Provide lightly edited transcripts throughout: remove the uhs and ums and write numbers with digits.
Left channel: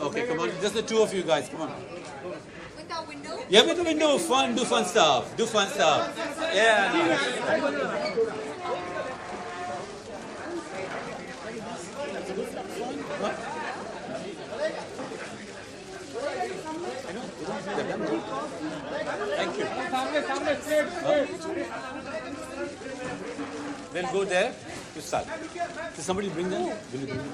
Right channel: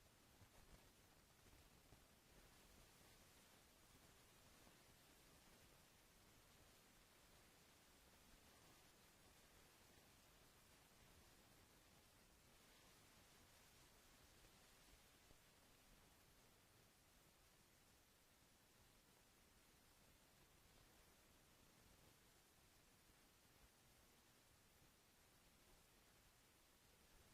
Okay, come on. Just the two of you guys. Come on. With our window? Yeah, with the window. Fun. Do fun stuff. Do fun stuff. Yeah. Nice. Thank you. Then go there to start. Can somebody bring them? Will you bring them?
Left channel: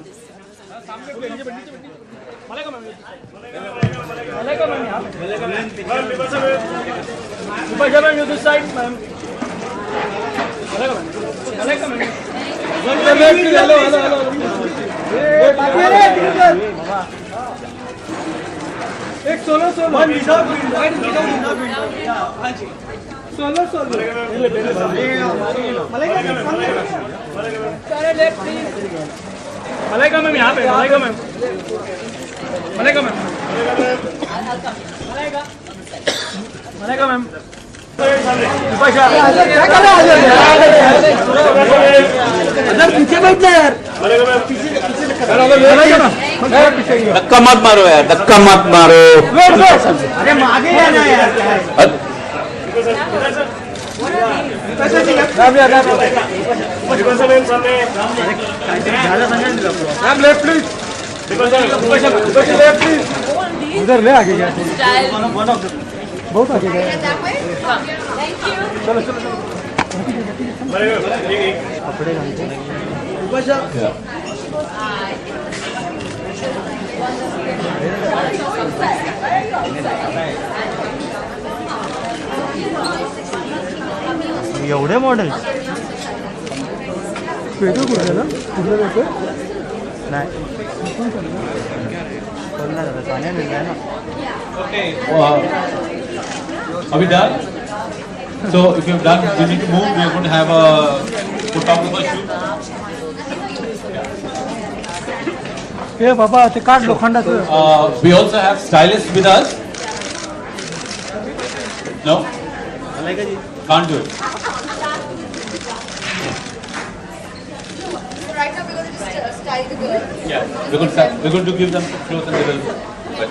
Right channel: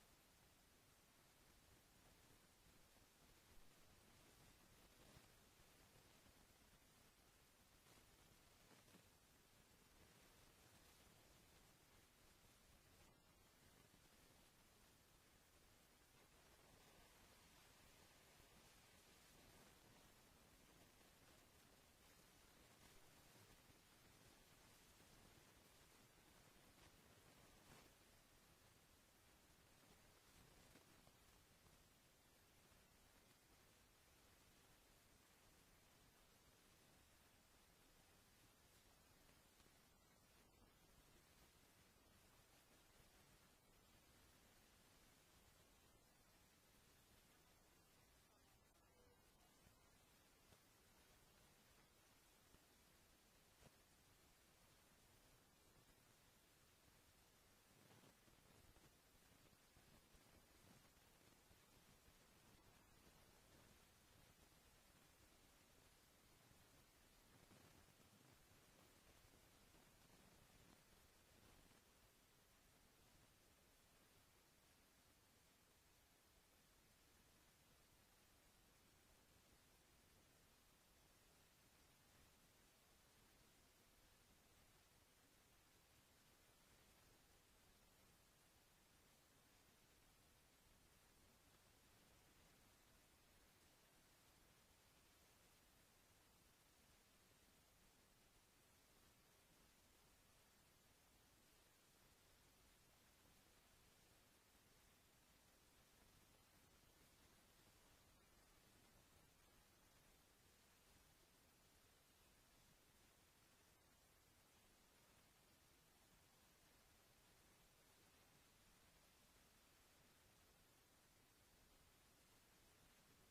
एक solo solo one without wide without solo solo Malaika ma'am यहाँ पे Malaika ma'am Malaika ma'am Malaika ma'am अगर पीछे बैठना यार धक्का मत मारो यार, धक्का मत मारो। अरे आगे आना यार उधर ले आगे गया बहुत आगे गया चलो चलो कपड़े एवढे मॉडेल पेटो कुठे ना कुठलं पेटो नाही पाण्या मिळत आहे ना Okay. Are we done? So if you've done, we need to move. We are going to have a photographer shoot. हे बाबा ते काढ लोखंडाचं We also have stylists with us. No? Can't do it. So right now we're going to just style the girl. Yeah. We're going to give them clothes and they will. But,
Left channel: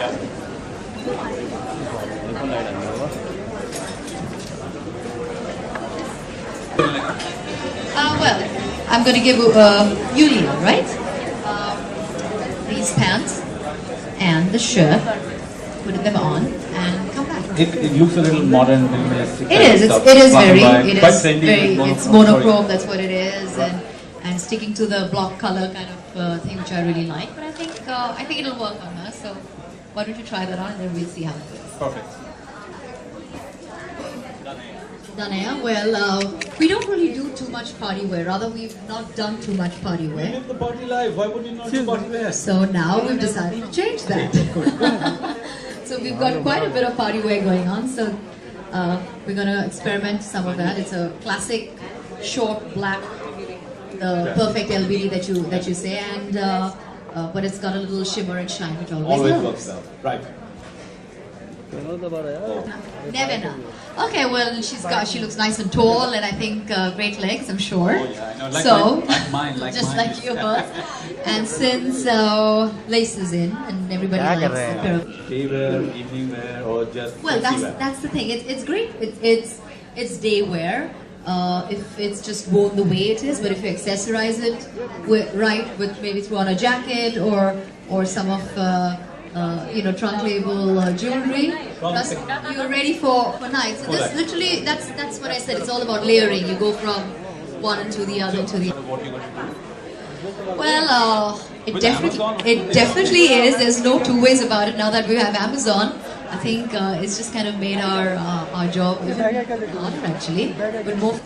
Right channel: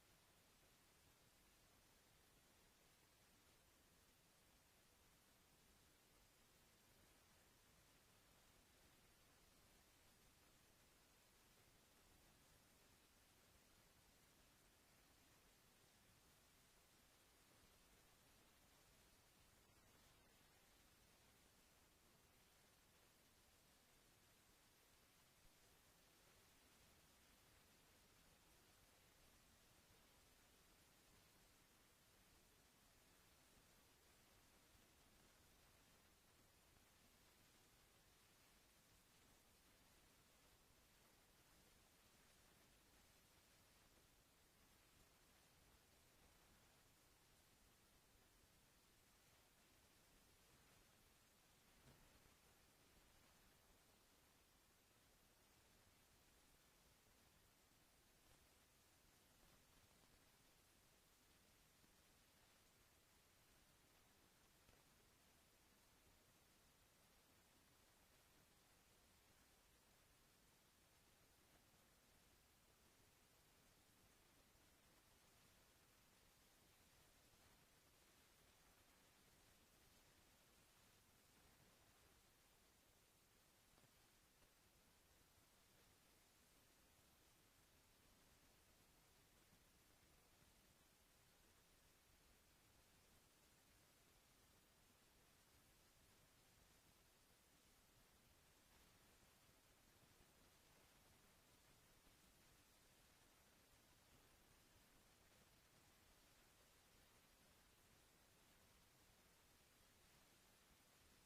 yeah. Well, I'm going to give Yuli, right? These pants and the shirt, putting them on and come back. It looks a little modern, minimalistic. It is. It is very. It quite is trendy. very. It's monochrome. That's what it is, and sticking to the block color kind of thing, which I really like. But I think it'll work on her. So why don't you try that on, and then we'll see how it goes. Perfect. Danaya, well, we don't really do too much party wear. Rather, we've not done too much party We wear. live the party life. Why would you not do party wear? So now we've decided to change that. So we've got quite a bit of party wear going on. So we're going to experiment some of that. It's a classic, short, black, the perfect LBD that you say, and but it's got a little shimmer and shine, which always works out. Right. Nevena. Okay, well, she looks nice and tall, and I think great legs, I'm sure. Oh yeah, I know. Like So, mine, like just mine. like yours. And since lace is in, and everybody likes a pair of... Day wear, evening wear, or just Well, sexy wear? that's the thing. It's great. It's day wear. If it's just worn the way it is, but if you accessorize it with maybe throw on a jacket or some of trunk label jewelry, plus you're ready for night. So this literally that's what I said. It's all about layering. You go from one to the other to the. What you going to do? Well, it With Amazon? definitely is. There's no two ways about it. Now that we have Amazon, I think it's just kind of made our job even harder actually. But more.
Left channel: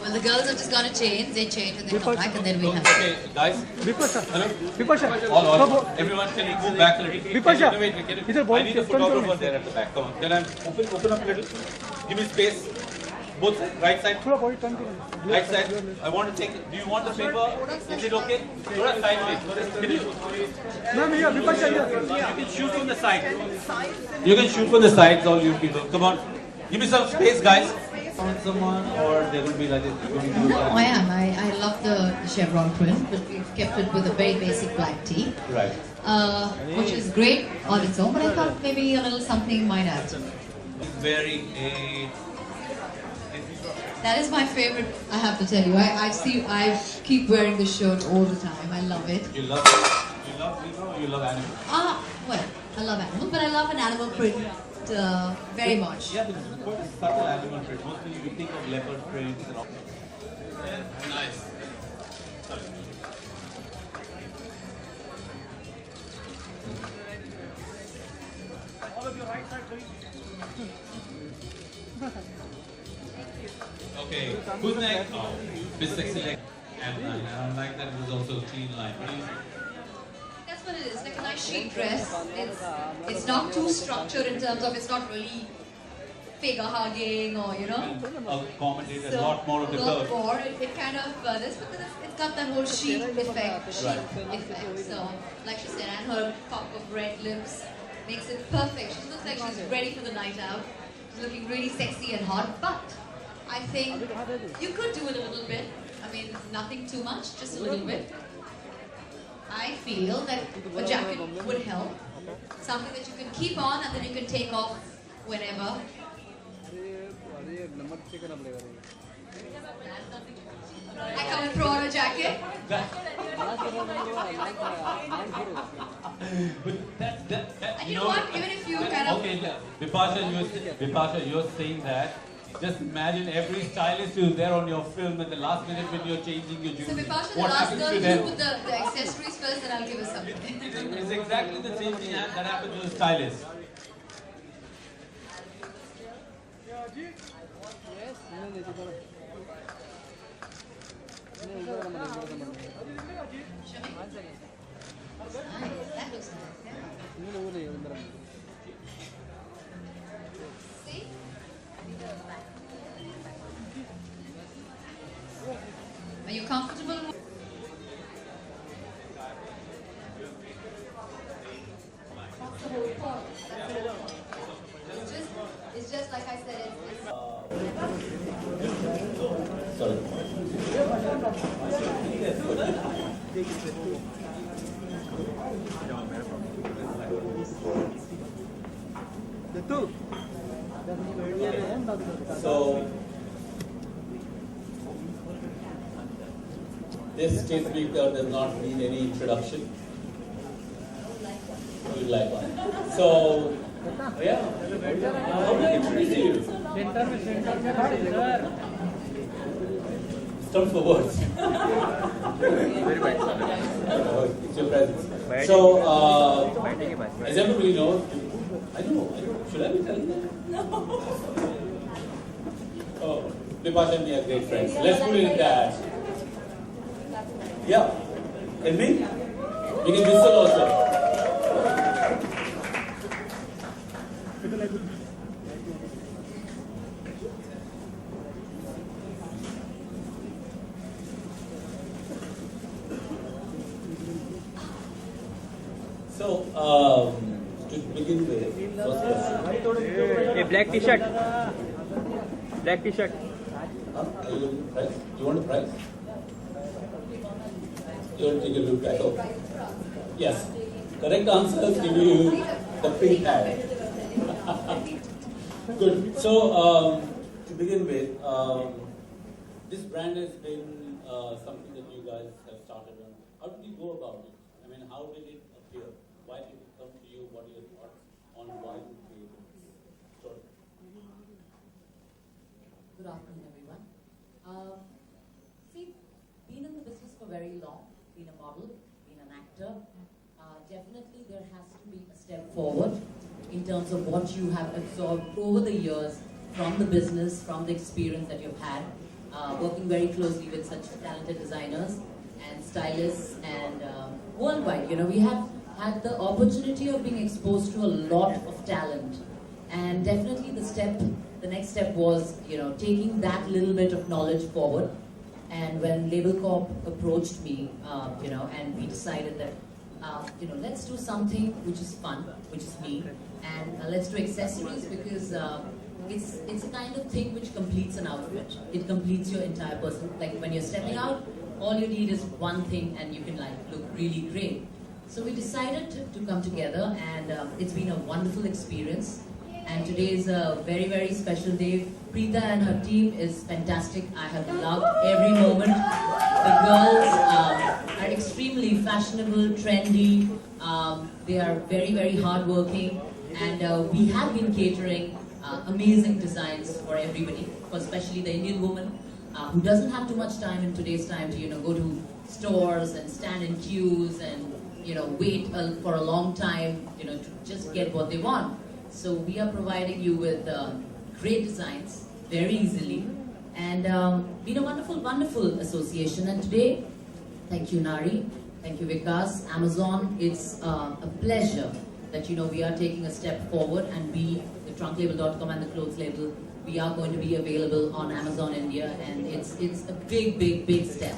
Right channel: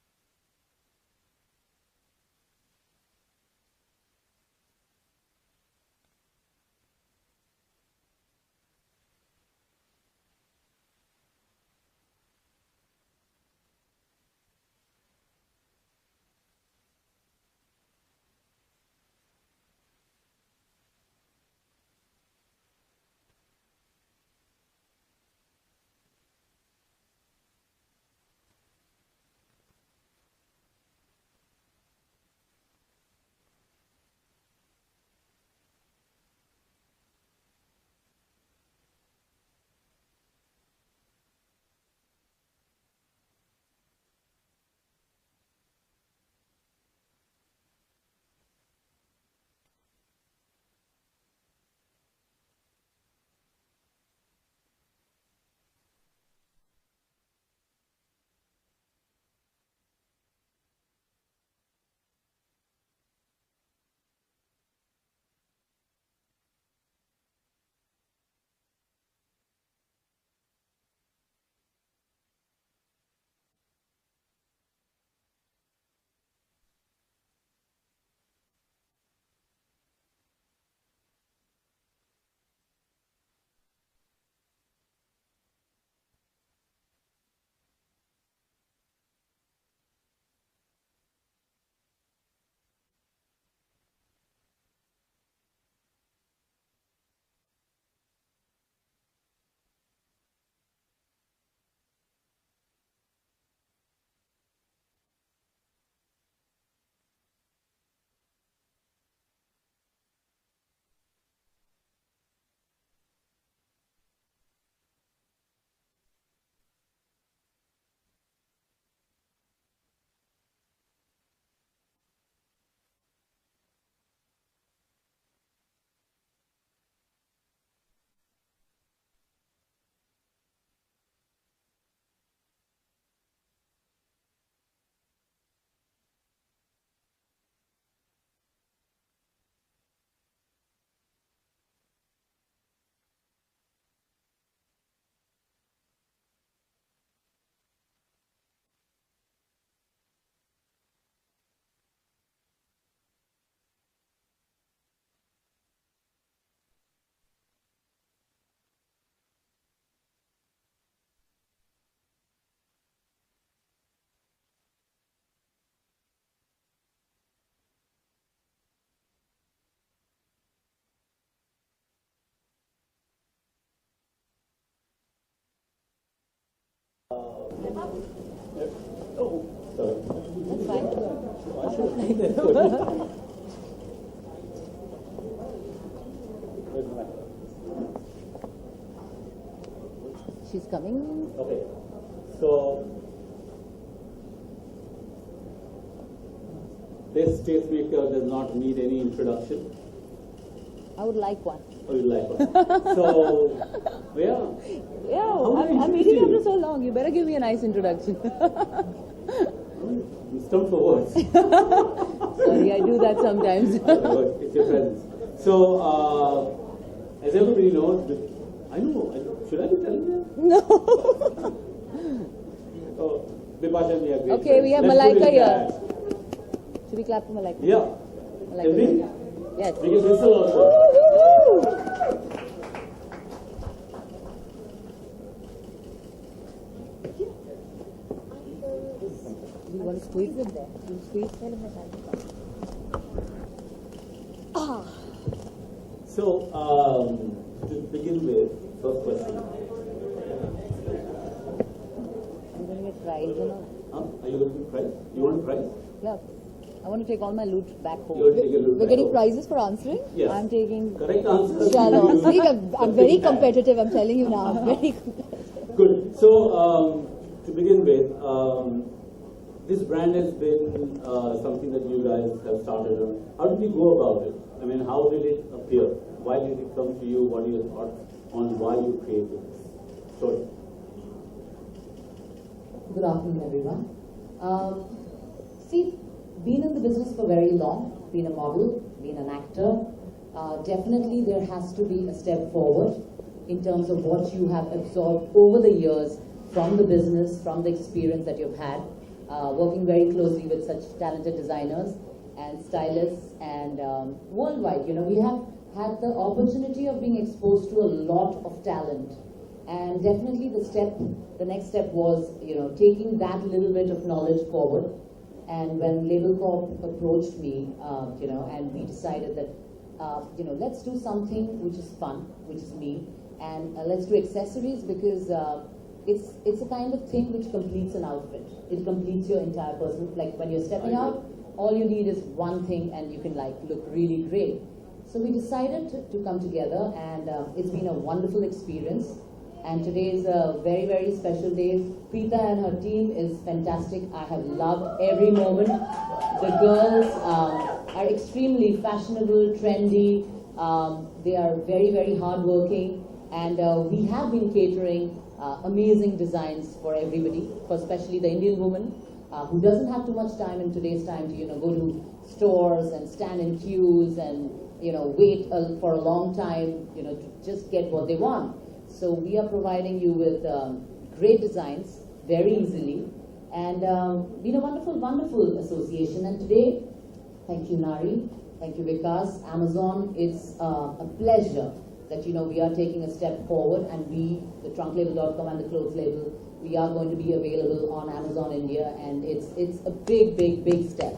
Well, the girls have just gone to change. They change and they come back, and then we have. Okay, guys. Hello. Bipasha All. Everyone, can you go back a little? Bipasha, Wait. I need a photographer there at the back. Come on. Can I open up a little? Give me space. Both sides. Right side. थोड़ा body turn करो Right side. I want to take. Do you want the paper? Is it okay? Thoda sideways. Can you? Ma'am ये विपक्षा ये You can shoot from the side. You can shoot from the sides, all you people. Come on. Give me some space, guys. on someone, or they're going to be like this? You're going to do No, that? I am. I love the chevron print, but we've kept it with a very basic black tee, Right. which is great on its own, but I thought maybe a little something might add. Very a. That is my favorite, I have to tell you. I keep wearing this shirt all the time. I love it. You love Zebra or you love animal? Well, I love animal, but I love an animal print very much. Yeah, because it's quite a subtle animal print. Mostly you think of leopard prints and all. Yeah, nice. Okay, who's next? Oh, Miss Sexy Leg. And I don't like that it was also a clean line. That's what it is, like a nice chic dress. It's not too structured in terms of it's not really figure hugging or Accommodate a So, lot more of the lot curve. more. It kind of this because it's got that whole chic effect. So, like she said, and her pop of red lips makes it perfect. She looks like she's ready for the night out. She's looking really sexy and hot, but I think you could do it a little bit. I mean, nothing too much, just a little bit. I feel that a jacket would help. Something that you can keep on and then you can take off whenever. I come and throw on a jacket. And you know what? Even if you kind of... Okay, Vipasha, you're saying that. Just imagine every stylist who's there on your film at the last minute when you're changing your jewelry. So Vipasha, the What last happens girl, to you them? put the accessories first and I'll give her something. It's exactly the same thing that happens to the stylist. That looks nice, yeah. See? Are you comfortable? It's just like I said, it's So, this tastemaker does not need any introduction. I would like one. I would like one. So, yeah. How do I I'm introduce waiting for you? so long. You better give me a nice introduction. Stunt for words. Sorry, I do that sometimes. It's your presence. So, as everybody knows, I don't know. Should I be telling them? No. Oh, Vipasha and me are great Okay, friends. we have Let's put Malaika it here. that. Should we clap to Malaika? Yeah. Can we? Yes. We can whistle also. Do you want to squeeze it there? Do you squeeze it there? So, to begin with, first question. A black t-shirt. Black t-shirt. Prize, Are you looking for prize? You want a prize? yeah. I want to take all my loot back home. You want to take your loot We're back getting home? prizes for answering? Yes. I'm taking... Correct answer. Yeah, no, see, I'm very competitive, I'm telling you now. Very Good. So, to begin with, this brand has been something that you guys have started on. How did you go about it? I mean, how did it appear? Why did it come to you? What are your thoughts on why you created this story? Good afternoon, everyone. See, been in the business for very long, been a model, been an actor. Definitely there has to be a step forward in terms of what you have absorbed over the years from the business, from the experience that you've had, working very closely with such talented designers and stylists and worldwide. You know, we have had the opportunity of being exposed to a lot of talent. And definitely the next step was, you know, taking that little bit of knowledge forward. And when Label Corp approached me, you know, and we decided that, you know, let's do something which is fun, which is me, and let's do accessories because it's a kind of thing which completes an outfit. It completes your entire person. Like when you're stepping out, all you need is one thing and you can like look really great. So we decided to come together, and it's been a wonderful experience. And today is a very, very special day. Preeta and her team is fantastic. I have loved every moment. The girls are extremely fashionable, trendy. They are very, very hardworking. And we have been catering amazing designs for everybody, for especially the Indian woman who doesn't have too much time in today's time to go to stores and stand in queues and wait for a long time to just get what they want. So we are providing you with great designs very easily, and been a wonderful, wonderful association. And today, thank you Nari, thank you Vikas, Amazon. It's a pleasure that we are taking a step forward, and we, the trunklabel.com and the clothes label, we are going to be available on Amazon India, and it's a big, big, big step.